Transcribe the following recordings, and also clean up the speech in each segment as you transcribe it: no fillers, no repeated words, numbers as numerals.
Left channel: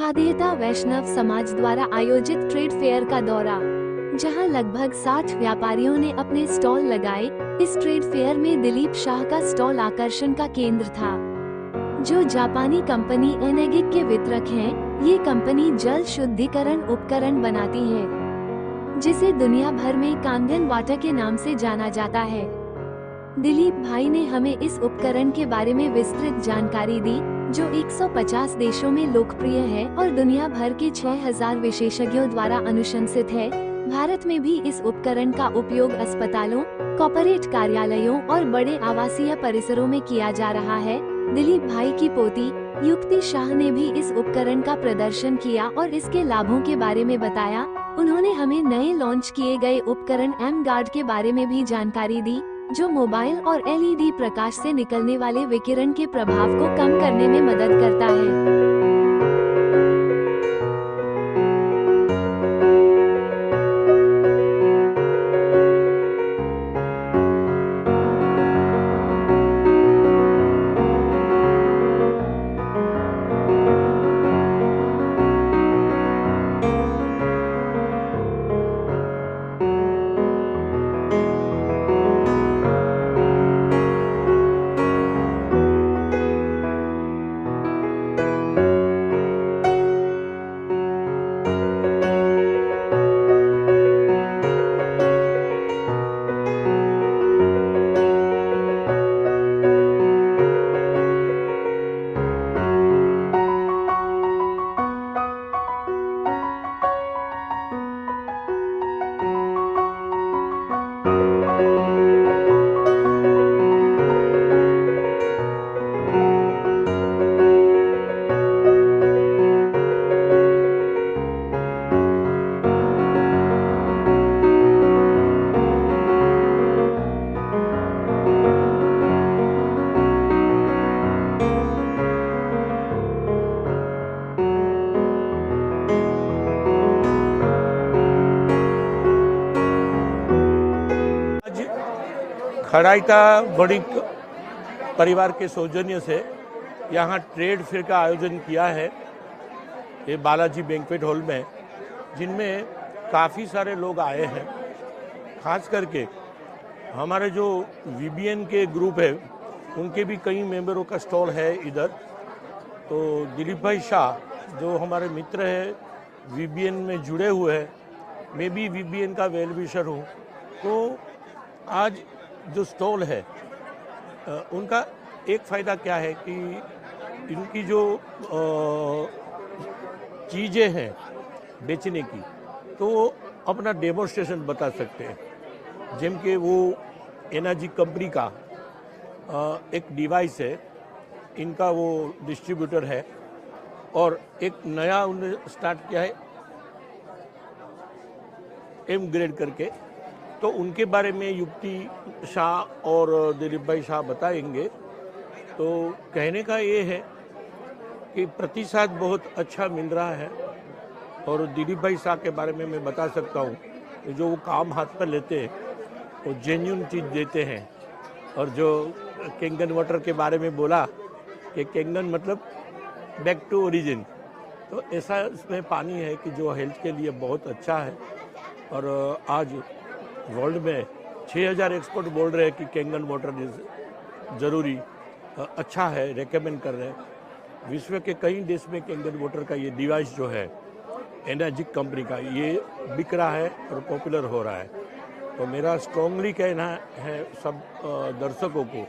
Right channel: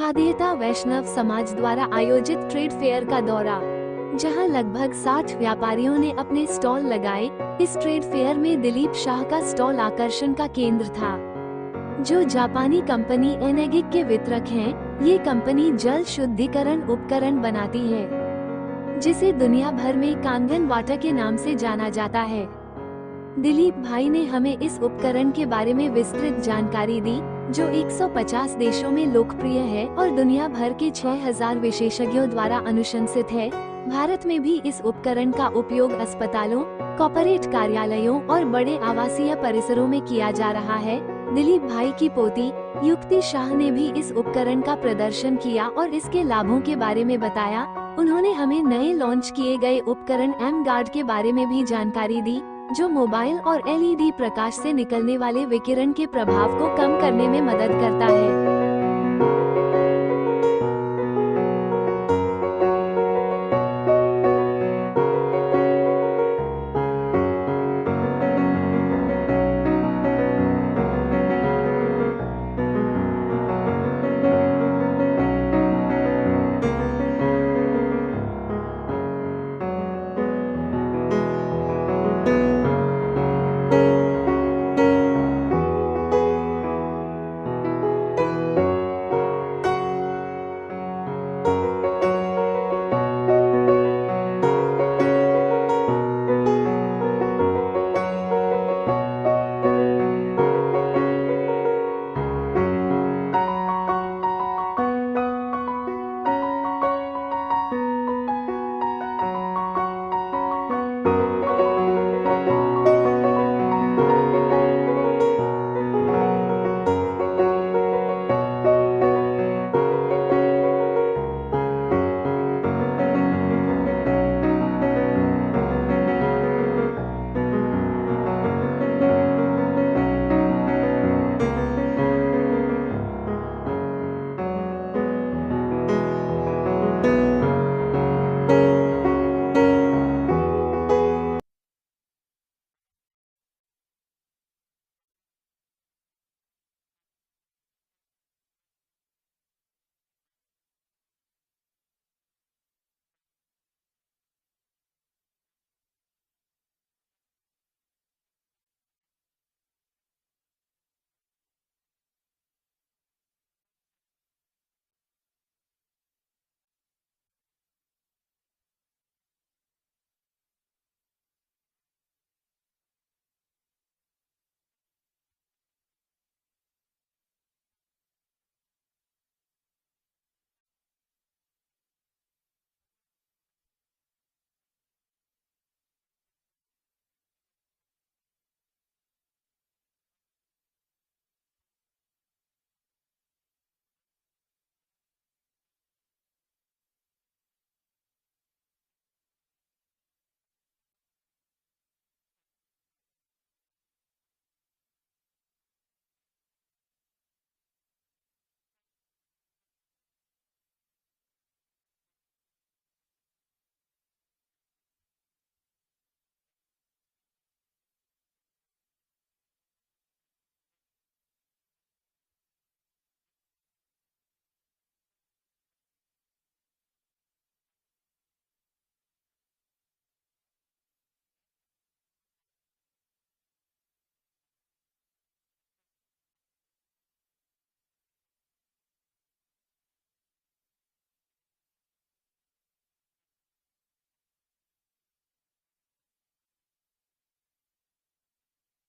खाद्यता वैष्णव समाज द्वारा आयोजित ट्रेड फेयर का दौरा, जहां लगभग 60 व्यापारियों ने अपने स्टॉल लगाए। इस ट्रेड फेयर में दिलीप शाह का स्टॉल आकर्षण का केंद्र था, जो जापानी कंपनी एनेगिक के वितरक हैं। ये कंपनी जल शुद्धिकरण उपकरण बनाती है, जिसे दुनिया भर में कांगन वाटर के नाम से जाना जाता है। दिलीप भाई ने हमें इस उपकरण के बारे में विस्तृत जानकारी दी, जो 150 देशों में लोकप्रिय है और दुनिया भर के 6000 विशेषज्ञों द्वारा अनुशंसित है। भारत में भी इस उपकरण का उपयोग अस्पतालों, कॉर्पोरेट कार्यालयों और बड़े आवासीय परिसरों में किया जा रहा है। दिलीप भाई की पोती युक्ति शाह ने भी इस उपकरण का प्रदर्शन किया और इसके लाभों के बारे में बताया। उन्होंने हमें नए लॉन्च किए गए उपकरण एम गार्ड के बारे में भी जानकारी दी, जो मोबाइल और एलईडी प्रकाश से निकलने वाले विकिरण के प्रभाव को कम करने में मदद करता है। खड़ाइता बड़ी परिवार के सौजन्य से यहाँ ट्रेड फेयर का आयोजन किया है, ये बालाजी बैंक्वेट हॉल में, जिनमें काफ़ी सारे लोग आए हैं। खास करके हमारे जो वीबीएन के ग्रुप है, उनके भी कई मेंबरों का स्टॉल है इधर। तो दिलीप भाई शाह जो हमारे मित्र हैं, वीबीएन में जुड़े हुए हैं, मैं भी वीबीएन का वेल विशर हूँ। तो आज जो स्टॉल है उनका एक फ़ायदा क्या है कि इनकी जो चीज़ें हैं बेचने की, तो अपना डेमोन्स्ट्रेशन बता सकते हैं। जेम के वो एनर्जी कंपनी का एक डिवाइस है, इनका वो डिस्ट्रीब्यूटर है, और एक नया उन्होंने स्टार्ट किया है एम ग्रेड करके। तो उनके बारे में युक्ति शाह और दिलीप भाई शाह बताएंगे। तो कहने का ये है कि प्रतिसाद बहुत अच्छा मिल रहा है, और दिलीप भाई शाह के बारे में मैं बता सकता हूँ कि जो वो काम हाथ पर लेते हैं वो जेन्युइन चीज़ देते हैं। और जो कैंगन वाटर के बारे में बोला कि कैंगन मतलब बैक टू ओरिजिन, तो ऐसा इसमें पानी है कि जो हेल्थ के लिए बहुत अच्छा है। और आज वर्ल्ड में 6000 एक्सपर्ट बोल रहे हैं कि कैंगन वाटर ज़रूरी अच्छा है, रेकमेंड कर रहे हैं। विश्व के कई देश में कैंगन वाटर का ये डिवाइस जो है एनर्जिक कंपनी का, ये बिक रहा है और पॉपुलर हो रहा है। तो मेरा स्ट्रांगली कहना है सब दर्शकों को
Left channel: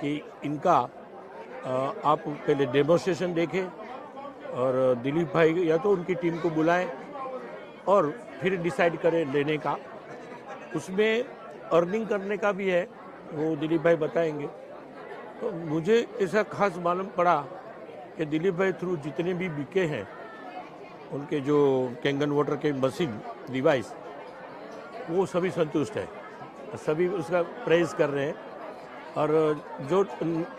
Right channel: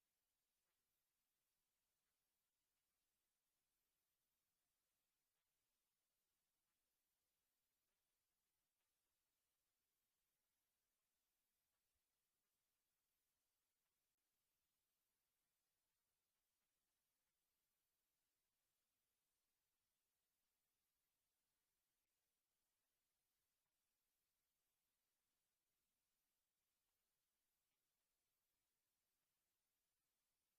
कि इनका आप पहले डेमोन्स्ट्रेशन देखें, और दिलीप भाई या तो उनकी टीम को बुलाएं और फिर डिसाइड करें लेने का। उसमें अर्निंग करने का भी है, वो दिलीप भाई बताएंगे। तो मुझे ऐसा खास मालूम पड़ा कि दिलीप भाई थ्रू जितने भी बिके हैं उनके जो कैंगन वाटर के मशीन डिवाइस, वो सभी संतुष्ट है, सभी उसका प्रेज कर रहे हैं। और जो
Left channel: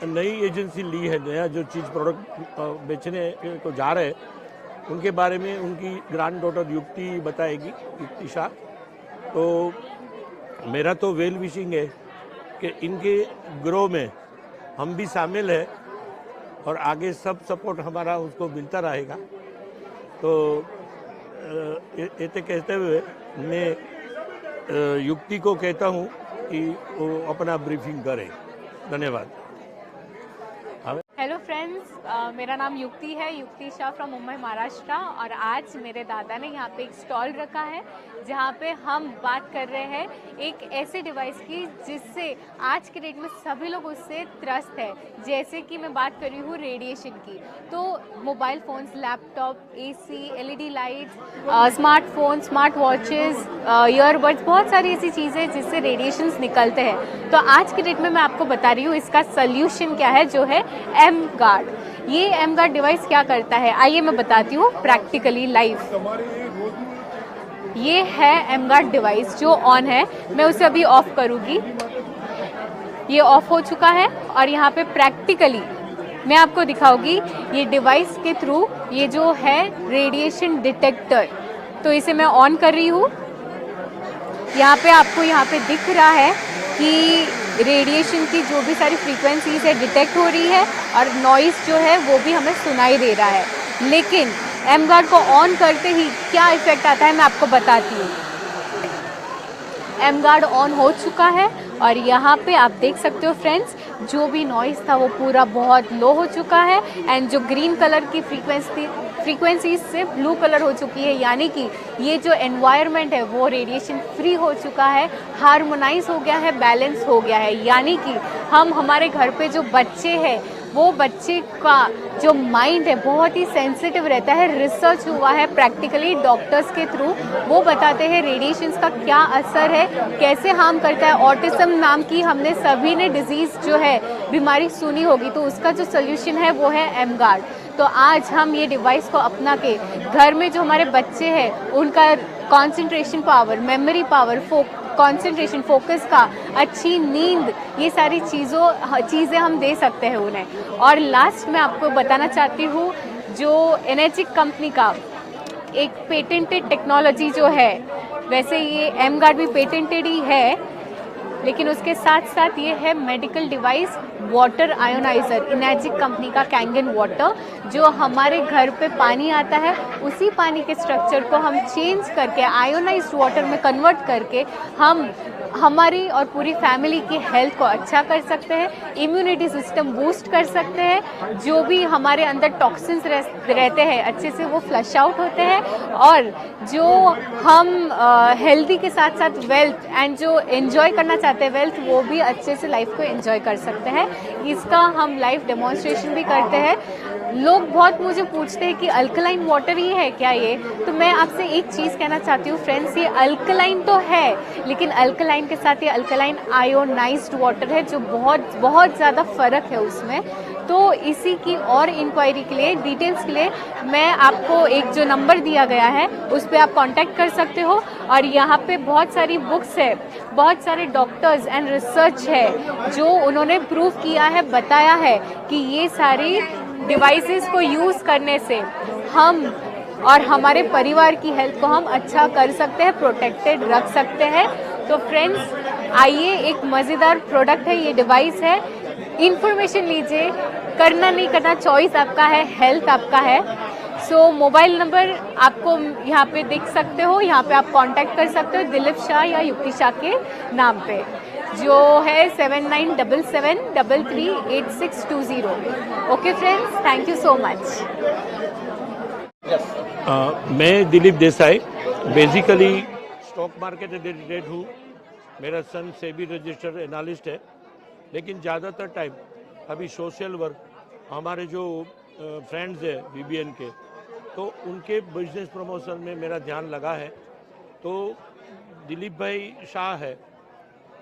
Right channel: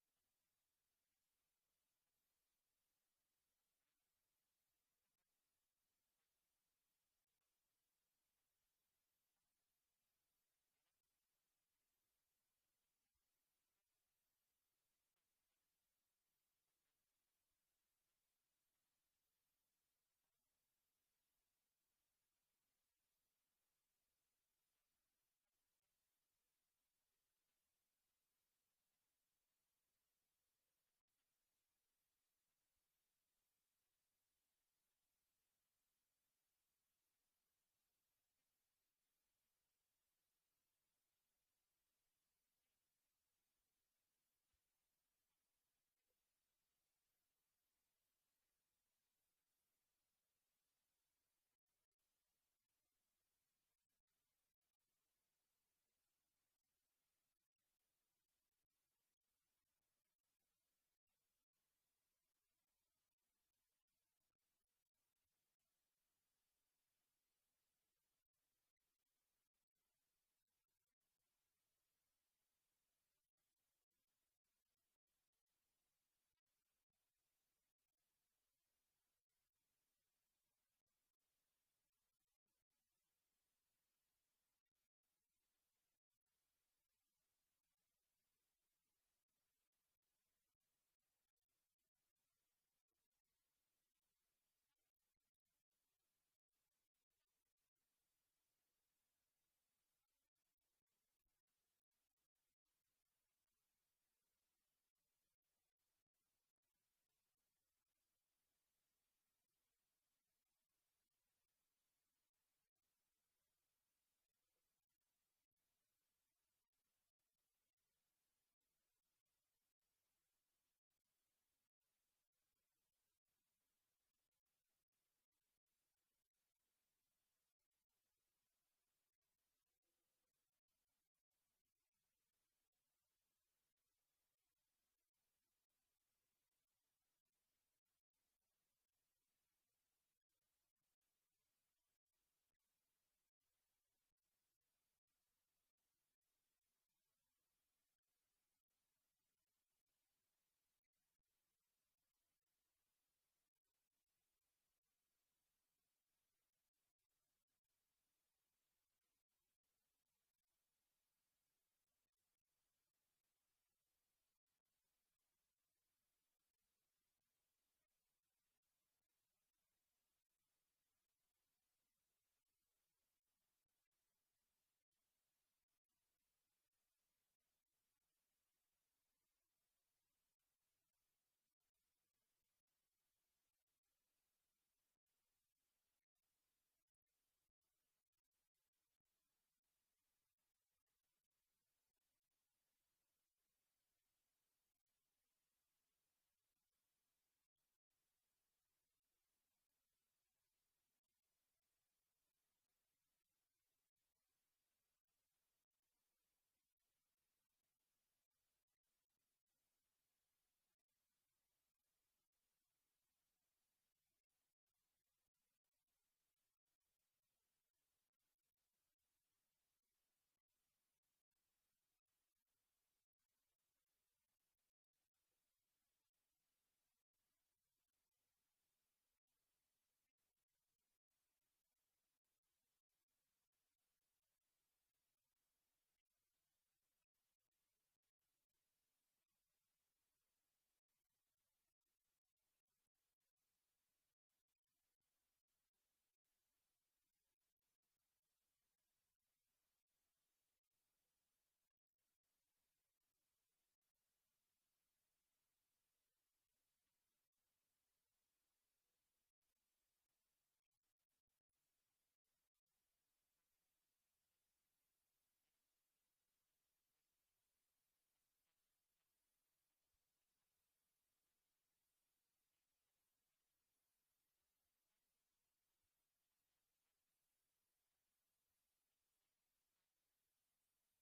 नई एजेंसी ली है, नया जो चीज़ प्रोडक्ट बेचने को जा रहे हैं, उनके बारे में उनकी ग्रैंड डॉटर युक्ति बताएगी, युक्ति शाह। तो मेरा तो वेल विशिंग है कि इनके ग्रो में हम भी शामिल हैं, और आगे सब सपोर्ट हमारा उसको मिलता रहेगा। तो ऐसे कहते हुए मैं युक्ति को कहता हूँ कि वो अपना ब्रीफिंग करें। धन्यवाद। हेलो फ्रेंड्स, मेरा नाम युक्ति है, युक्ति शाह फ्रॉम मुंबई महाराष्ट्र। और आज मेरे दादा ने यहाँ पे एक स्टॉल रखा है जहाँ पे हम बात कर रहे हैं एक ऐसे डिवाइस की जिससे आज के डेट में सभी लोग उससे त्रस्त है। जैसे कि मैं बात कर रही हूँ रेडिएशन की, तो mobile phones, laptop, AC, LED lights, smartphone, smart watches, earbuds, बहुत सारी ऐसी चीज़ें जिससे रेडिएशंस निकलते हैं। तो आज के डेट में मैं आपको बता रही हूँ इसका सल्यूशन क्या है, जो है एम गार्ड। ये एम गार्ड डिवाइस क्या करता है, आइए मैं बताती हूँ प्रैक्टिकली लाइव। ये है एम गार्ड डिवाइस जो ऑन है, मैं उसे अभी ऑफ करूँगी। ये ऑफ हो चुका है और यहाँ पे प्रैक्टिकली मैं आपको दिखाऊंगी ये डिवाइस के थ्रू ये जो है रेडिएशन डिटेक्टर। तो इसे मैं ऑन कर रही हूँ। यहाँ पे आपको यहाँ पे दिख रहा है कि रेडिएशन की जो भी सारी फ्रीक्वेंसीज है डिटेक्ट हो रही है और नॉइस जो है वो भी हमें सुनाई दे रहा है। लेकिन एम गार्ड को ऑन करते ही क्या इफेक्ट आता है मैं आपको बताती हूँ। एम गार्ड ऑन हो चुका है और यहाँ पे आप देख सकते हो फ्रेंड्स, जो भी नॉइस था वो पूरा बहुत लो हो चुका है एंड जो ग्रीन कलर की फ्रीक्वेंसी से ब्लू कलर हो चुकी है, यानी कि ये जो एनवायरनमेंट है वो रेडिएशन फ्री हो चुका है, हार्मोनाइज हो गया है, बैलेंस हो गया है। यानी कि हम हमारे घर पे जो बच्चे हैं वो बच्चे का जो माइंड है बहुत ही सेंसिटिव रहता है। रिसर्च हुआ है प्रैक्टिकली डॉक्टर्स के थ्रू, वो बताते हैं रेडिएशंस का क्या असर है, कैसे हार्म करता है। ऑटिज्म नाम की हमने सभी ने डिजीज़ जो है बीमारी सुनी होगी, तो उसका जो सोल्यूशन है वो है एम गार्ड। तो आज हम ये डिवाइस को अपना के घर में जो हमारे बच्चे हैं उनका concentration power, memory power, concentration, focus का, अच्छी नींद, ये सारी चीज़ें हम दे सकते हैं उन्हें। और लास्ट में आपको बताना चाहती हूँ, जो एनर्जिक कंपनी का एक पेटेंटेड टेक्नोलॉजी जो है, वैसे ये एम गार्ड भी पेटेंटेड ही है, लेकिन उसके साथ साथ ये है medical device water ionizer, energic company का कैंगन वाटर। जो हमारे घर पे पानी आता है उसी पानी के स्ट्रक्चर को हम चेंज करके आयोनाइज्ड वाटर में कन्वर्ट करके हम हमारी और पूरी फैमिली की हेल्थ को अच्छा कर सकते हैं, इम्यूनिटी सिस्टम बूस्ट कर सकते हैं, जो भी हमारे अंदर टॉक्सिन्स रहते हैं अच्छे से वो फ्लश आउट होते हैं, और जो हम हेल्दी के साथ साथ वेल्थ एंड जो एंजॉय करना चाहते हैं वेल्थ, वो भी अच्छे से लाइफ को एंजॉय कर सकते हैं। इसका हम लाइव डेमोन्स्ट्रेशन भी करते हैं। लोग बहुत मुझे पूछते हैं कि अल्कलाइन वाटर ही है क्या ये, तो मैं आपसे एक चीज़ कहना चाहती हूँ फ्रेंड्स, ये अल्कलाइन तो है, लेकिन अल्कलाइन के साथ ये अल्कलाइन आयोनाइज्ड वाटर है, जो बहुत बहुत ज़्यादा फ़र्क है उसमें। तो इसी की और इंक्वायरी के लिए, डिटेल्स के लिए मैं आपको एक जो नंबर दिया गया है उस पर आप कांटेक्ट कर सकते हो। और यहाँ पे बहुत सारी बुक्स है, बहुत सारे डॉक्टर्स एंड रिसर्च है जो उन्होंने प्रूव किया है, बताया है कि ये सारी डिवाइसेस को यूज़ करने से हम और हमारे परिवार की हेल्थ को हम अच्छा कर सकते हैं, प्रोटेक्टेड रख सकते हैं। तो फ्रेंड्स आइए, एक मज़ेदार प्रोडक्ट है, ये डिवाइस है, इंफॉर्मेशन लीजिए, करना नहीं करना चॉइस आपका है, हेल्थ आपका है। सो मोबाइल नंबर आपको यहाँ पे देख सकते हो, यहाँ पे आप कांटेक्ट कर सकते हो दिलीप शाह या युक्ति शाह के नाम पे, जो है 7977338620। Okay friends, thank you so much. मैं Dilip Desai, basically stock market related हूँ। मेरा सन सेबी रजिस्टर्ड एनालिस्ट है, लेकिन ज़्यादातर टाइम अभी सोशल वर्क, हमारे जो फ्रेंड्स हैं वीबीएन के, तो उनके बिजनेस प्रमोशन में मेरा ध्यान लगा है। तो दिलीप भाई शाह है,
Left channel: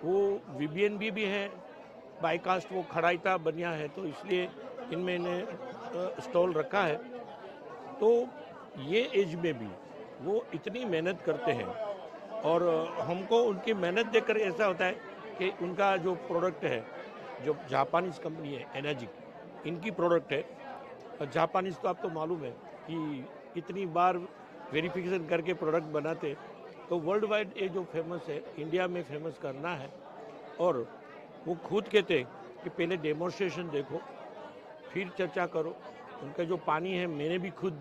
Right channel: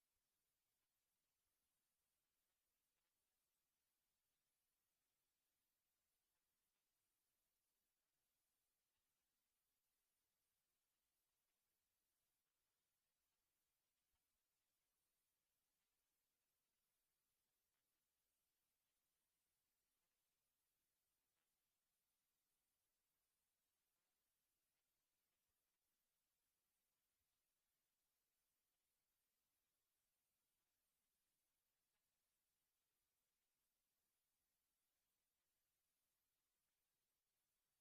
वो वीबीएन भी हैं, बाईकास्ट वो खड़ाईता बनिया है, तो इसलिए इनमें स्टॉल रखा है। तो ये एज में भी वो इतनी मेहनत करते हैं और हमको उनकी मेहनत देखकर ऐसा होता है कि उनका जो प्रोडक्ट है, जो जापानीज कंपनी है एनर्जिक, इनकी प्रोडक्ट है। जापानीज तो आपको मालूम है कि कितनी बार वेरिफिकेशन करके प्रोडक्ट बनाते, तो वर्ल्ड वाइड ये जो फेमस है, इंडिया में फेमस करना है। और वो खुद कहते हैं कि पहले डेमोन्स्ट्रेशन देखो फिर चर्चा करो। उनका जो पानी है, मैंने भी खुद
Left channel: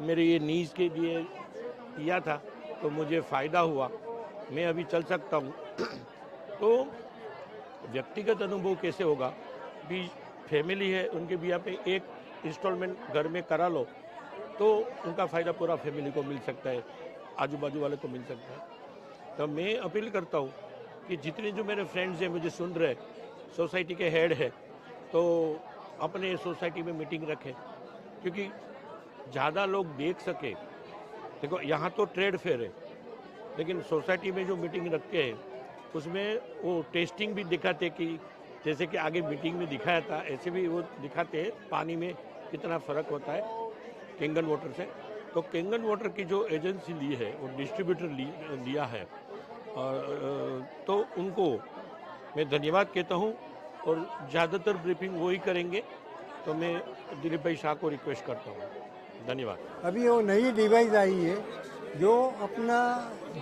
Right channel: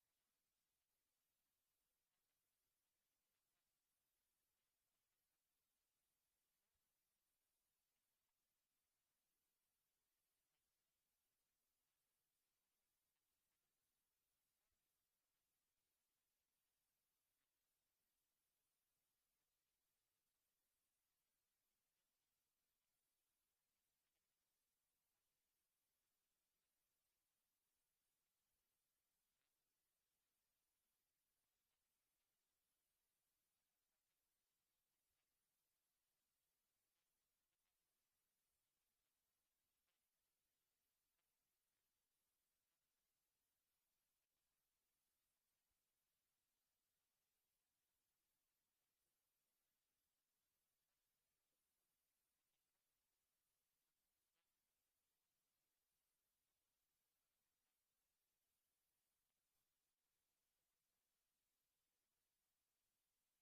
मेरे ये नीज के लिए किया था तो मुझे फ़ायदा हुआ, मैं अभी चल सकता हूँ। तो व्यक्तिगत अनुभव कैसे होगा भी, फैमिली है उनके भी यहाँ पे एक इंस्टॉलमेंट घर में करा लो तो उनका फ़ायदा पूरा फैमिली को मिल सकता है, आजू बाजू वाले को मिल सकता है। तो मैं अपील करता हूँ कि जितने जो मेरे फ्रेंड्स हैं मुझे सुन रहे, सोसाइटी के हेड है, तो अपने सोसाइटी में मीटिंग रखें, क्योंकि ज़्यादा लोग देख सके। देखो यहाँ तो ट्रेड फेयर है, लेकिन सोसाइटी में जो मीटिंग रखते हैं उसमें वो टेस्टिंग भी दिखाते कि जैसे कि आगे मीटिंग में दिखाया था, ऐसे भी वो दिखाते हैं पानी में कितना फ़र्क होता है कैंगन वाटर से। तो कैंगन वाटर की जो एजेंसी ली है वो डिस्ट्रीब्यूटर लिया है, और तो उनको मैं धन्यवाद कहता हूँ, और ज़्यादातर ब्रीफिंग वही करेंगे, तो मैं दिलीप भाई शाह को रिक्वेस्ट करता हूँ। धन्यवाद। अभी वो नई डिवाइस आई है जो अपना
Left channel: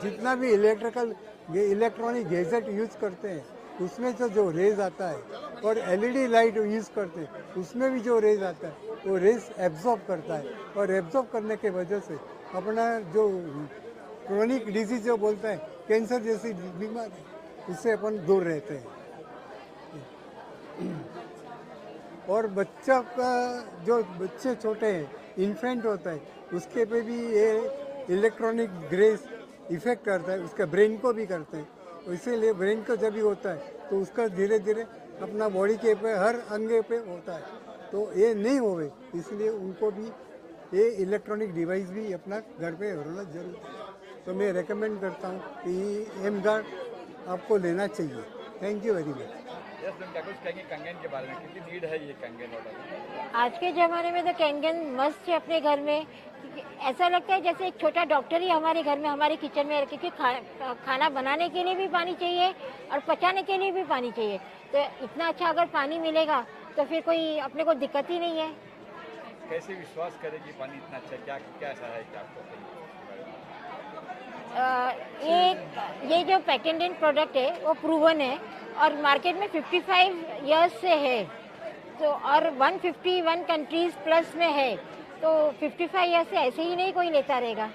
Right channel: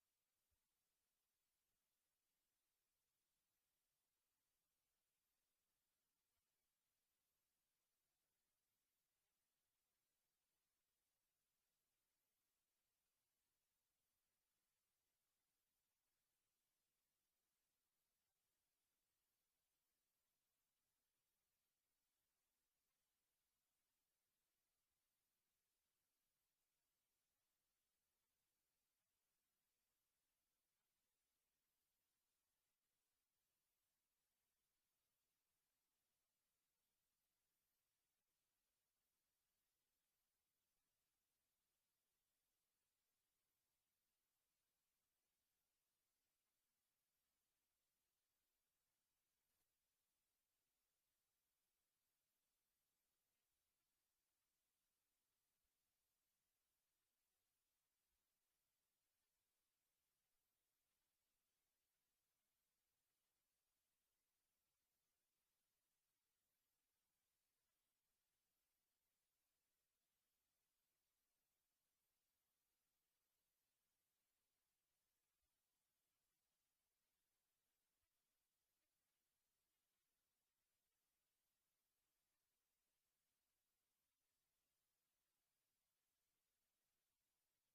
जितना भी इलेक्ट्रॉनिक गैजेट यूज़ करते हैं उसमें से जो रेज आता है, और एलईडी लाइट यूज़ करते हैं उसमें भी जो रेज आता है वो रेज एब्जॉर्ब करता है, और एब्जॉर्ब करने के वजह से अपना जो क्रोनिक डिजीज जो बोलता है, कैंसर जैसी बीमारी, उससे अपन दूर रहते हैं। और बच्चा का जो बच्चे छोटे हैं, इन्फेंट होता है, उसके पे भी ये इलेक्ट्रॉनिक ग्रेस इफेक्ट करता है, उसके ब्रेन को भी करते हैं। तो इसीलिए ब्रेन को जब भी होता है तो उसका धीरे धीरे अपना बॉडी के पे हर अंग पे होता है, तो ये नहीं होवे, इसलिए उनको भी ये इलेक्ट्रॉनिक डिवाइस भी अपना घर पे होना जरूरी है। तो मैं रेकमेंड करता हूँ कि एम गार्ड आपको लेना चाहिए। Thank you very much. कंगन के बारे में कितनी नीड है ये कंगन वाटर? आज के ज़माने में तो कंगन मस्त है अपने घर में। ऐसा लगता है जैसे एक छोटा डॉक्टर ही हमारे घर में, हमारे किचन में, क्योंकि खाना बनाने के लिए भी पानी चाहिए और पचाने के लिए भी पानी चाहिए। तो इतना अच्छा अगर पानी मिलेगा तो फिर कोई अपने को दिक्कत ही नहीं है। कैसे विश्वास करें कि पानी इतना अच्छा, क्या क्या ऐसा है कि आपको? ये जो पेटेंटेड प्रोडक्ट है वो प्रूवन है और मार्केट में 55 इयर्स से है, तो और 151 कंट्रीज प्लस में है, तो 55 इयर्स से ऐसे ही नहीं कोई लेता रहेगा।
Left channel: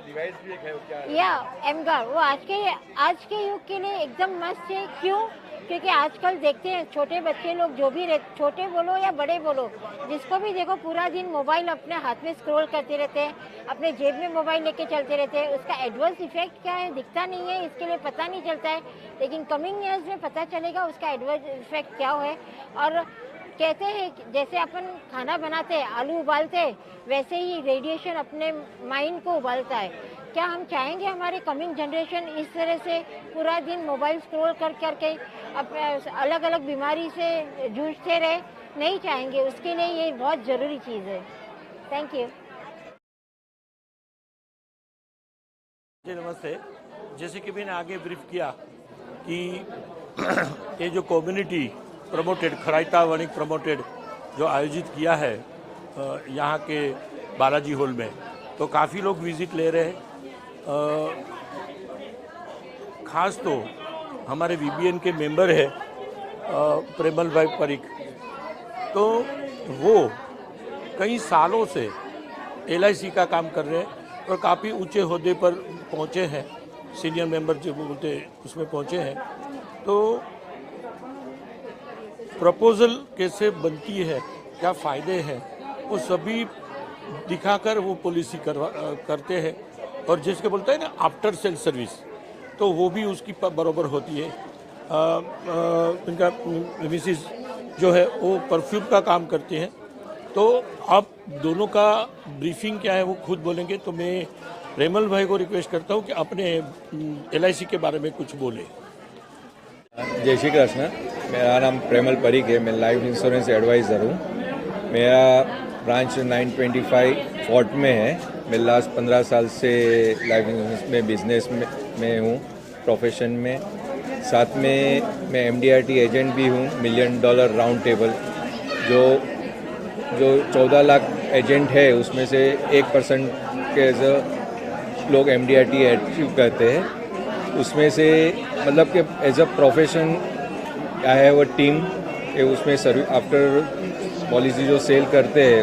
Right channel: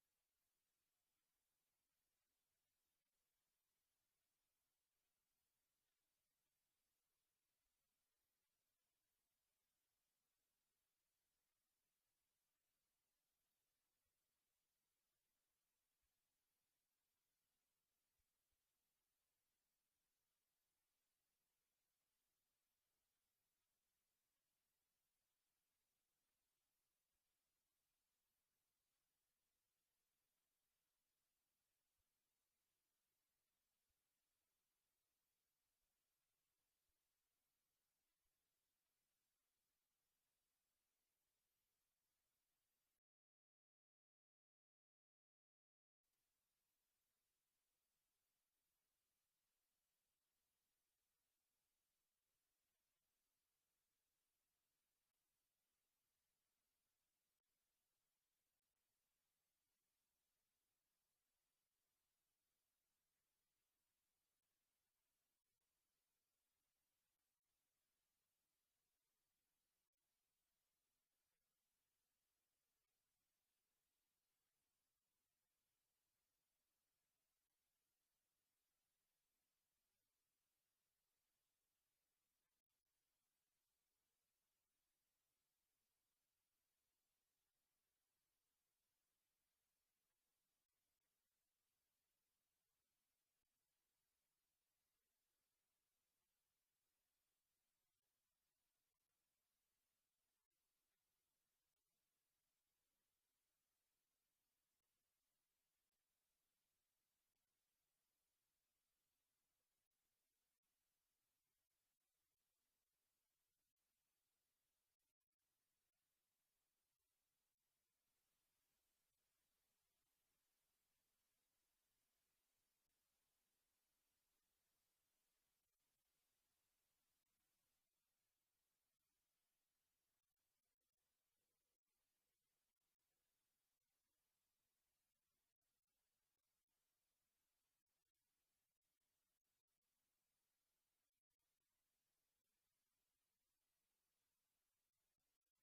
डिवाइस भी एक है, क्या है? या एमगार वो आज के युग के लिए एकदम मस्त है। क्यों? क्योंकि आजकल देखते हैं छोटे बच्चे लोग, जो भी छोटे बोलो या बड़े बोलो, जिसको भी देखो पूरा दिन मोबाइल अपने हाथ में स्क्रॉल करते रहते हैं, अपने जेब में मोबाइल लेके चलते रहते हैं। उसका एडवर्स इफेक्ट क्या है दिखता नहीं है, इसके लिए पता नहीं चलता है, लेकिन कमिंग ईयर्स में पता चलेगा उसका एडवर्स इफेक्ट क्या है। और कहते हैं जैसे अपन खाना बनाते हैं, आलू उबालते हैं, वैसे ही रेडिएशन अपने माइंड को उबालता है। क्या हम चाहेंगे हमारे कमिंग जनरेशन इस तरह से पूरा दिन मोबाइल स्क्रॉल कर करके अलग अलग बीमारी से जूझते रहे? नहीं चाहेंगे। उसके लिए ये बहुत ज़रूरी चीज़ है। Thank you. जी नमस्ते। जैसे कि मैंने आगे ब्रीफ किया कि ये जो कम्युनिटी प्रमोटेड खराइता वणिक प्रमोटेड जो आयोजित किया है यहाँ के बालाजी हॉल में, तो काफ़ी लोग विजिट ले रहे हैं। खास तो हमारे वीबीएन के मेंबर है प्रेमल भाई परीख, तो वो कई सालों से एलआईसी का काम कर रहे हैं और काफ़ी ऊंचे ओहदे पर पहुंचे हैं, सीनियर मेंबर जो बोलते उसमें पहुंचे हैं। तो प्रपोजल कैसे बनती है, क्या फ़ायदे हैं, वो सभी दिखाकर वो पॉलिसी करते हैं। और जिसके बोलते हैं ना आफ्टर सेल सर्विस, तो वो भी उसकी बराबर होती है। इनका मिसिस जो है वो परफ्यूम का काम करते हैं। तो आप दोनों का ब्रीफिंग क्या है वो खुद बोलेंगे, तो मैं प्रेमल भाई को रिक्वेस्ट करता हूँ कि अपने एलआईसी के बारे में कुछ बोले। जय श्री कृष्ण। मेरा नाम प्रेमल परीख है, मैं लाइफ इंश्योरेंस एडवाइज़र हूँ। मेरा ब्रांच 925 फोर्ट में है। मैं लास्ट 15 साल से लाइफ इंश्योरेंस में बिजनेस में हूँ, प्रोफेशन में। साथ में मैं एमडीआरटी एजेंट भी हूँ, $1 मिलियन राउंड टेबल। जो 14 लाख एजेंट है उसमें से 1% के लोग एमडीआरटी अचीव करते हैं। उसमें से मतलब कि as a profession I have a team कि उसमें आफ्टर पॉलिसी जो सेल करते हैं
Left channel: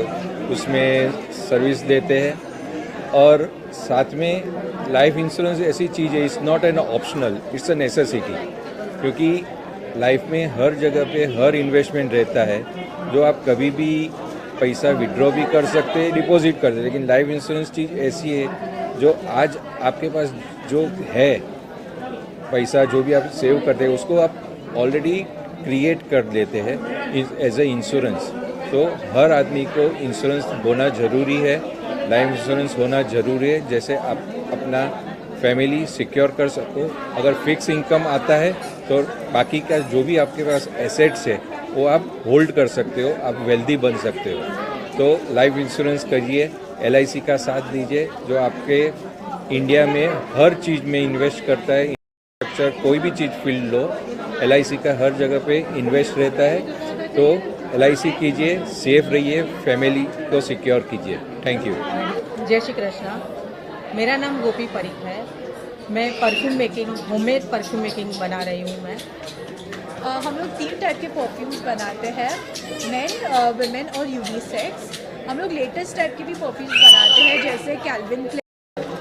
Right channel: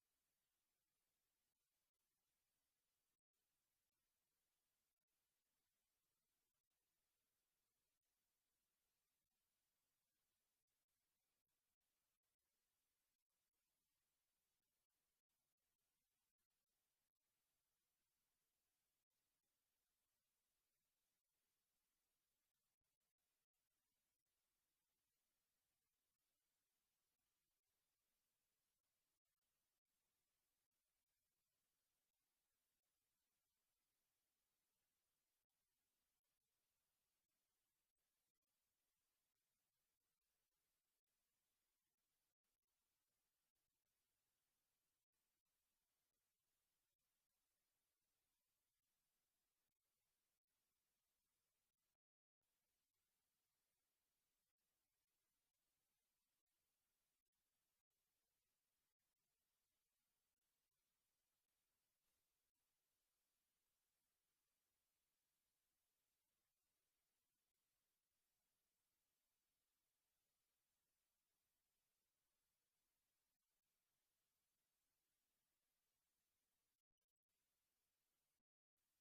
उसमें सर्विस देते हैं। और साथ में लाइफ इंश्योरेंस ऐसी चीज़ है, it's not an optional, it's a necessity, क्योंकि लाइफ में हर जगह पे हर इन्वेस्टमेंट रहता है जो आप कभी भी पैसा विड्रॉ भी कर सकते हैं, डिपॉजिट कर सकते हैं। लेकिन लाइफ इंश्योरेंस चीज़ ऐसी है जो आज आपके पास जो है पैसा, जो भी आप सेव करते हैं उसको आप ऑलरेडी क्रिएट कर लेते हैं एज ए इंश्योरेंस। तो हर आदमी को इंश्योरेंस होना ज़रूरी है, लाइफ इंश्योरेंस होना ज़रूरी है, जैसे आप अपना फैमिली सिक्योर कर सको। अगर फिक्स इनकम आता है तो बाकी का जो भी आपके पास एसेट्स है वो आप होल्ड कर सकते हो, आप वेल्दी बन सकते हो। तो लाइफ इंश्योरेंस करिए, LIC का साथ दीजिए जो आपके इंडिया में हर चीज़ में इन्वेस्ट करता है। इंफ्रास्ट्रक्चर कोई भी चीज़ फील्ड लो, LIC का हर जगह पे इन्वेस्ट रहता है। तो LIC कीजिए, सेफ रहिए, फैमिली को सिक्योर कीजिए। Thank you. जय श्री कृष्णा। मेरा नाम गोपी परीख है। मैं perfume making, homemade perfume making बना रही हूँ मैं। हम लोग 3 टाइप के परफ्यूम्स बनाते हैं, मेन, वुमेन और यूनिसेक्स। हम लोग लेटेस्ट टाइप के भी परफ्यूम्स बनाते हैं, जैसे कैल्विन क्लेन,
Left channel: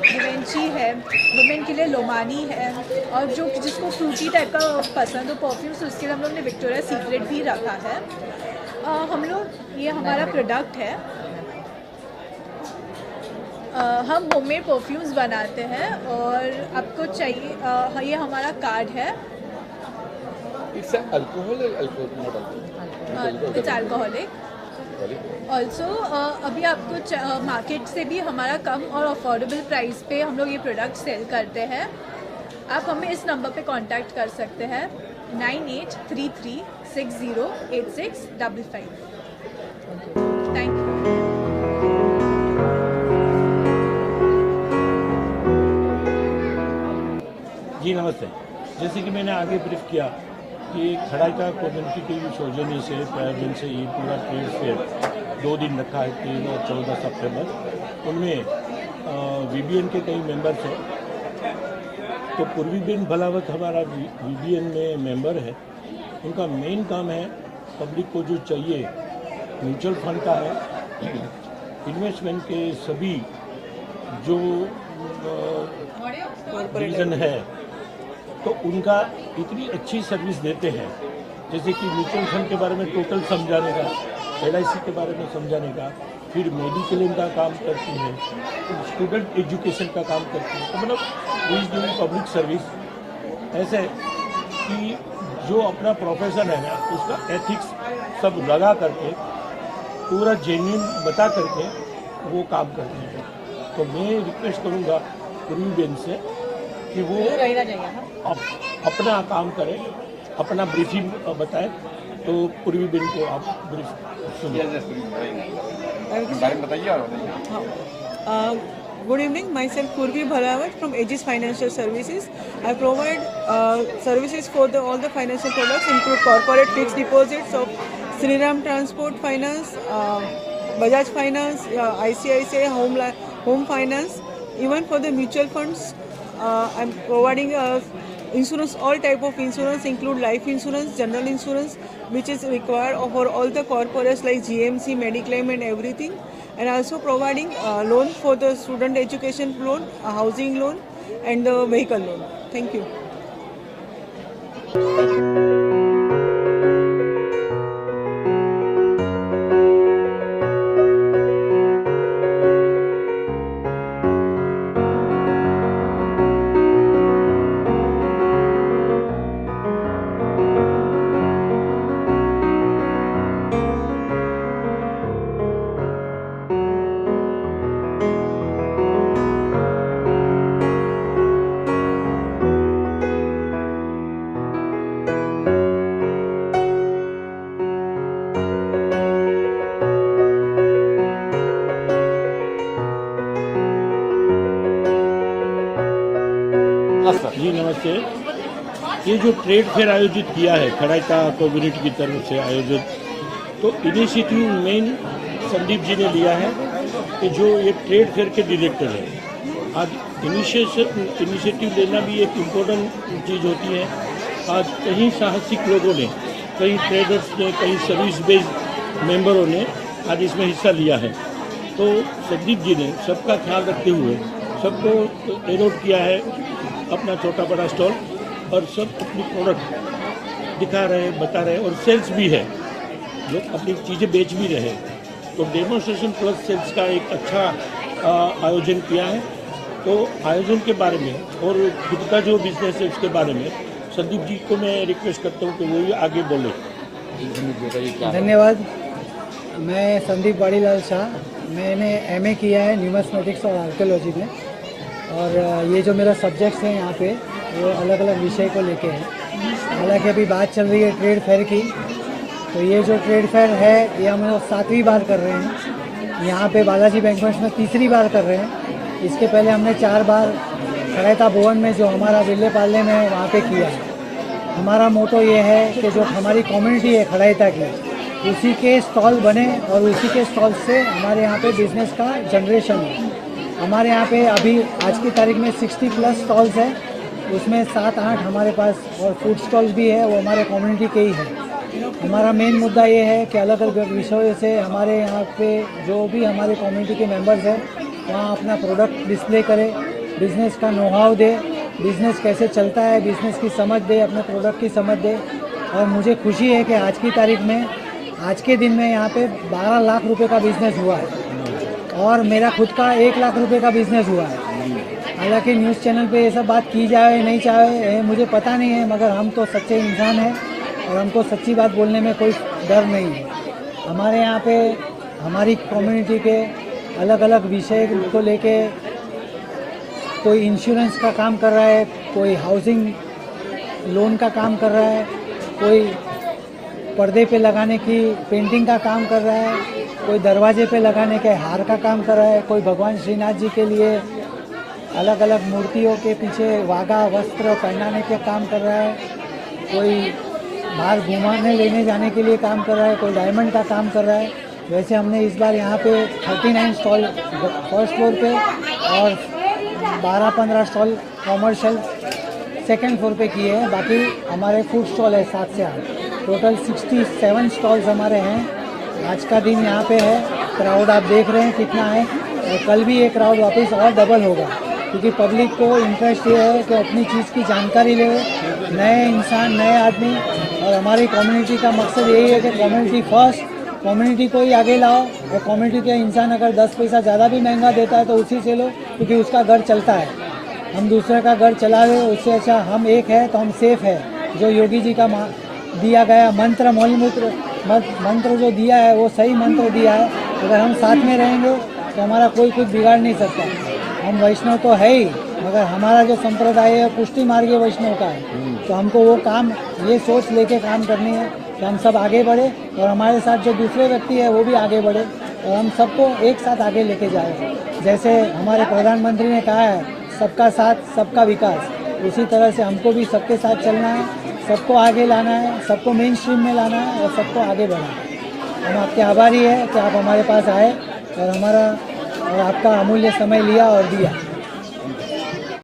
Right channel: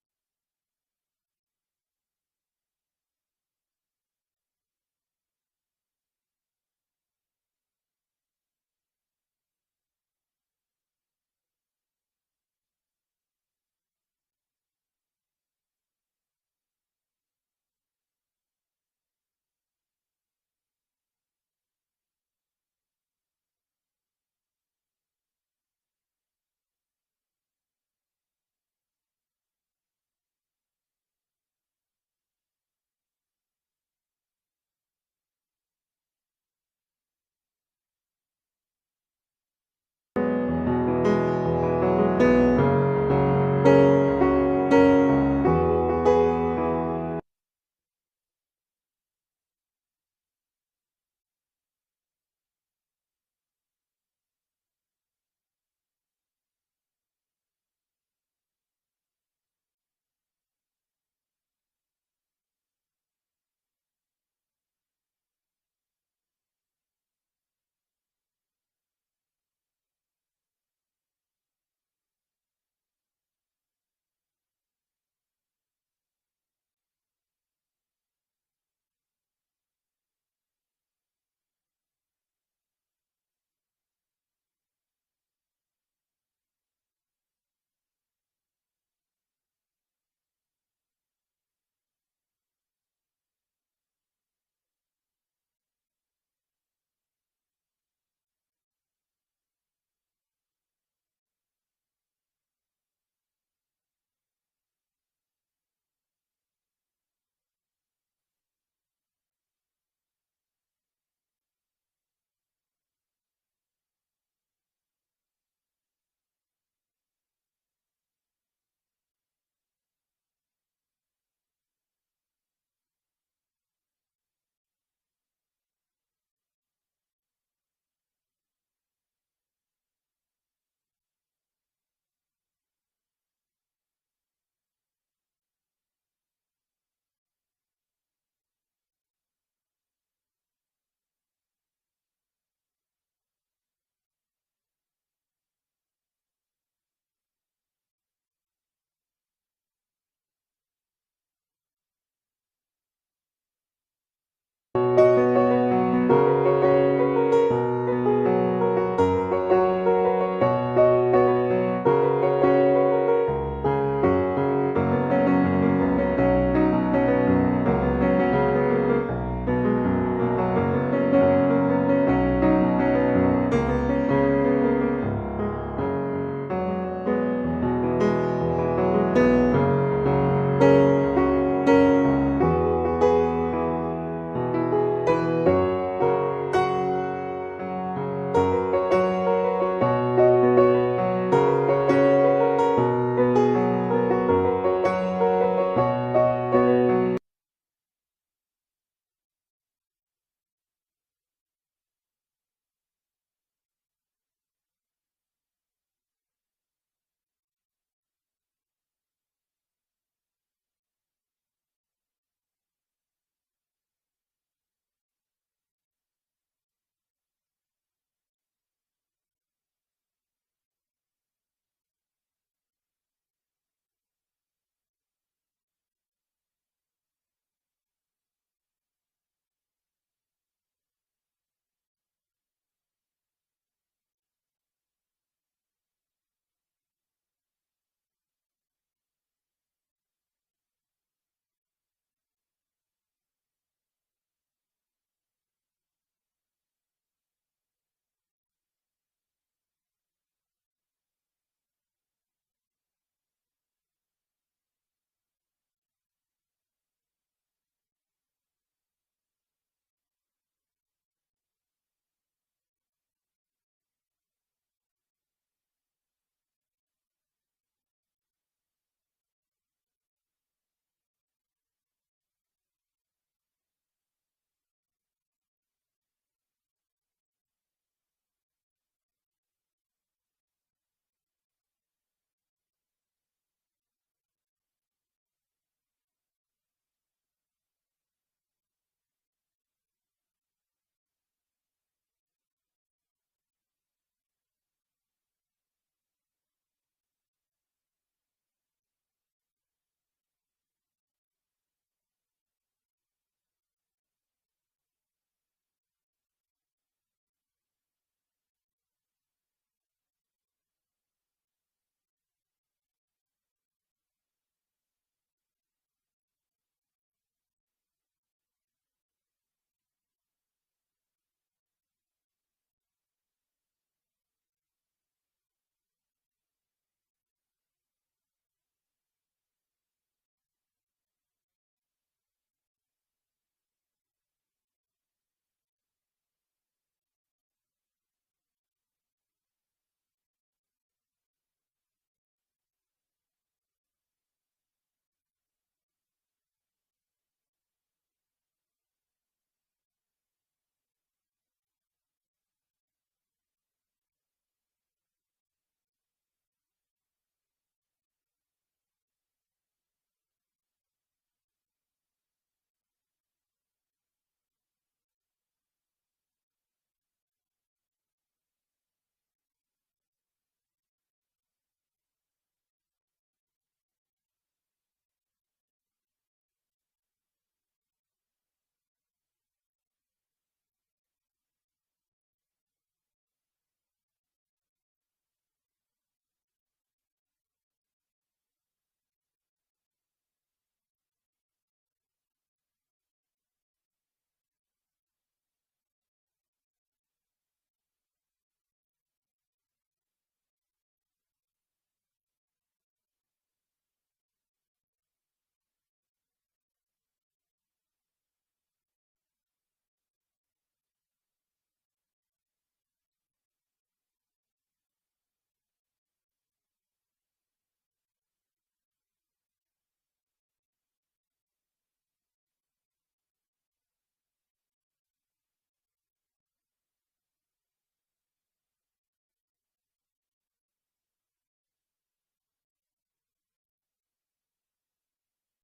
गिवेंची है, वुमेन के लिए लोमानी है, और जो जिसको फ्रूटी टाइप का पसंद हो परफ्यूम्स उसके लिए हम लोग ने विक्टोरिया सीक्रेट भी रखा है। हम लोग, ये हमारा प्रोडक्ट है। हम होममेड परफ्यूम्स बनाते हैं और आपको चाहिए, ये हमारा कार्ड है। It's alcohol or alcohol, not alcohol? It's alcoholic. Also अभी आपको मार्केट से भी हमारा कम और अफोर्डेबल प्राइस पे हम लोग ये प्रोडक्ट सेल करते हैं। आप हमें इस नंबर पे कांटेक्ट कर सकते हैं 9833608655। Thank you. जी नमस्ते। जैसे कि मैंने आगे ब्रीफ किया कि खड़ाइका कम्युनिटी के सौजन्य से, प्रायोजन से ये पूरा ट्रेड फेयर 2 दिन रखा है, 3 और 14 सितंबर। उनमें VBN के कई मेंबर्स हैं। तो पूर्वीबेन भलावत हमारा VBN में मेंबर है। उनका मेन काम है पब्लिक को जो चाहिए म्यूचुअल फंड का है, इन्वेस्टमेंट के सभी जो रीज़न है तो उनका इतनी अच्छी सर्विस देते हैं, जैसे कि म्यूचुअल फंड के बारे में टोटल समझाने का, LIC के बारे में समझाने का, फिर मेडिक्लेम का काम करती है, स्टूडेंट एजुकेशन का काम करती है। तो मतलब वो इज डूइंग पब्लिक सर्विस। ऐसे कि जो अपना प्रोफेशन है ना उसका एथिक्स सब लगा करके पूरा जेन्युइन बता करके वो काम करते हैं। तो मैं रिक्वेस्ट करूँगा पूर्वीबेन से कि वो अपना काम करें, अपना ब्रीफिंग बताएं। तो पूर्वीबेन को आप ब्रीफ सुनिए। Good evening, myself Purvi Bhalawat from Aegis Financial Services. I provide services for all the financial products, include corporate fixed deposits of Shriram Transport Finance, Bajaj Finance, ICICI Home Finance. Even for the mutual funds, I'm providing insurance, all type of insurance, include life insurance, general insurance, which is required for all the corporates like GMC, Mediclaim and everything. And also providing loan for the student education loan, housing loan and the vehicle loan. Thank you. जी नमस्ते। ये जो trade fair आयोजित किया है खड़ाइका community की तरफ से आयोजित, तो इनिशिएटिव मेन संदीप जी ने लिया है कि जो ये ट्रेड फेयर के डायरेक्टर हैं। आज इनिशिएटिव लेना भी एक इम्पोर्टेंट चीज़ होती है। आज कई साहसिक लोगों ने कई ट्रेडर्स ने, कई सर्विस बेस्ड मेंबरों ने आज इसमें हिस्सा लिया है। तो संदीप जी ने सबका ख्याल रखते हुए सबको एलोट किया है अपना छोटा बड़ा स्टॉल, और सब अपनी प्रोडक्ट दिखा रहे हैं, बता रहे हैं, और सेल्स भी है, लोग अपनी चीज़ें बेच भी रहे हैं। तो डेमोन्स्ट्रेशन प्लस सेल्स का एक अच्छा आयोजन किया है। तो आयोजन के बारे में और खुद का जो बिजनेस है उसके बारे में संदीप जी को मैं रिक्वेस्ट करता हूँ कि वो ही आगे बोले। धन्यवाद। मैं संदीप वाड़ीलाल शाह, मैंने एमए किया है न्यूमिस्मेटिक्स और आर्कियोलॉजी में, और ये जो मेरा सब्जेक्ट्स हैं यहाँ पे वो अलग अलग विषय को लेके हैं। हालांकि अभी बात चल रही है ट्रेड फेयर की, तो ये जो ट्रेड फेयर है ये हम लोग 7वीं बार कर रहे हैं। यहाँ पे बालाजी बैंक्वेट्स में 3री बार कर रहे हैं। इसके पहले हमने 4 बार खड़ैता भवन में जो हमारा विले पाले में है वहाँ पे किया है। हमारा मोटो ये है कि जो हमारी कम्युनिटी है खड़ैता की, उसी के स्टॉल बने और उसी के स्टॉल से हमारे यहाँ पे बिजनेस का जनरेशन है। हमारे यहाँ पे अभी आज की तारीख में 60+ स्टॉल्स है, उसमें 7-8 हमारे पास और फूड स्टॉल्स भी है, वो हमारे कम्युनिटी के ही है। हमारा मेन मुद्दा ये है कि अलग अलग विषयों से हमारे यहाँ पे जो भी हमारे कम्युनिटी के मेंबर्स हैं वहाँ अपना प्रोडक्ट डिस्प्ले करें, बिज़नेस का नो हाउ दे, बिज़नेस कैसे चलता है बिज़नेस की समझ दे, अपने प्रोडक्ट की समझ दे। और मुझे खुशी है कि आज की तारीख में, आज के दिन में यहाँ पे 12 लाख रुपए का बिज़नेस हुआ है और मेरा खुद का 1 लाख रुपए का बिज़नेस हुआ है। हालांकि न्यूज़ चैनल पे ये सब बात की जाए नहीं चाहे मुझे पता नहीं है, मगर हम तो सच्चे इंसान हैं और हमको सच्ची बात बोलने में कोई डर नहीं है। हमारे यहाँ पे हमारी कम्युनिटी के अलग अलग विषय को लेके कोई इंश्योरेंस का काम कर रहा है, कोई हाउसिंग लोन का काम कर रहा है, कोई पर्दे पे लगाने की पेंटिंग का काम कर रहा है, कोई दरवाजे पे लगाने के हार का काम कर रहा है, कोई भगवान श्रीनाथ जी के लिए अलग अलग मूर्तियों के पीछे वागा वस्त्र पहनाने के काम कर रहा है, कोई बाहर घुमाने लेने जाने के लिए काम कर रहा है, कोई डायमंड का काम कर रहा है। वैसे हमने इस बार यहाँ पे 39 स्टॉल फर्स्ट फ्लोर पे और 12-15 स्टॉल कॉमर्शियल सेकेंड फ्लोर पे किए हैं। बाकी हमारे फूड स्टॉल है 7 से 8, टोटल 67 स्टॉल्स हमारे हैं। आज का दिन यहाँ पे है, क्राउड आप देख रहे हैं कितना है, और कल भी ये क्राउड वापस और डबल होगा, क्योंकि पब्लिक को इंटरेस्ट ये है कि अपनी चीज़ की जानकारी ले, नए इंसान, नए आदमी। और हमारी कम्युनिटी का मकसद यही है कि कम्युनिटी फर्स्ट, कम्युनिटी को ही आगे लाओ, और कम्युनिटी के इंसान अगर 10 पैसा ज़्यादा भी महंगा देता है तो उसी से लो, क्योंकि उसका घर चलता है। हम दूसरे का घर चला रहे, उससे अच्छा हम एक है तो हम सेफ है। जो योगी जी का दिया गया मंत्र, मौलमूत्र मंत्र जो दिया है वो सही मंत्र दिया है। अगर हम साथ में रहेंगे तो हमारा कोई कुछ बिगाड़ नहीं सकता। हम वैष्णव तो है ही, मगर हमारा जो संप्रदाय है पुष्टि मार्गीय वैष्णव का है, तो हमको वो काम, ये सोच लेके काम करनी है कि हम सब आगे बढ़े और हमारे साथ जो दूसरे व्यक्ति है वो भी आगे बढ़े और हम सबको एक साथ आगे लेके जाए। जैसे हमारे प्रधानमंत्री ने कहा है सबका साथ सबका विकास, उसी तरह से हमको भी सबके साथ चलना है, सबको आगे लाना है, सबको मेन स्ट्रीम में लाना है और सबको आगे बढ़ाना है। हम आपके आभारी है कि आप हमारे पास आए और आपका अमूल्य समय लिया और दिया।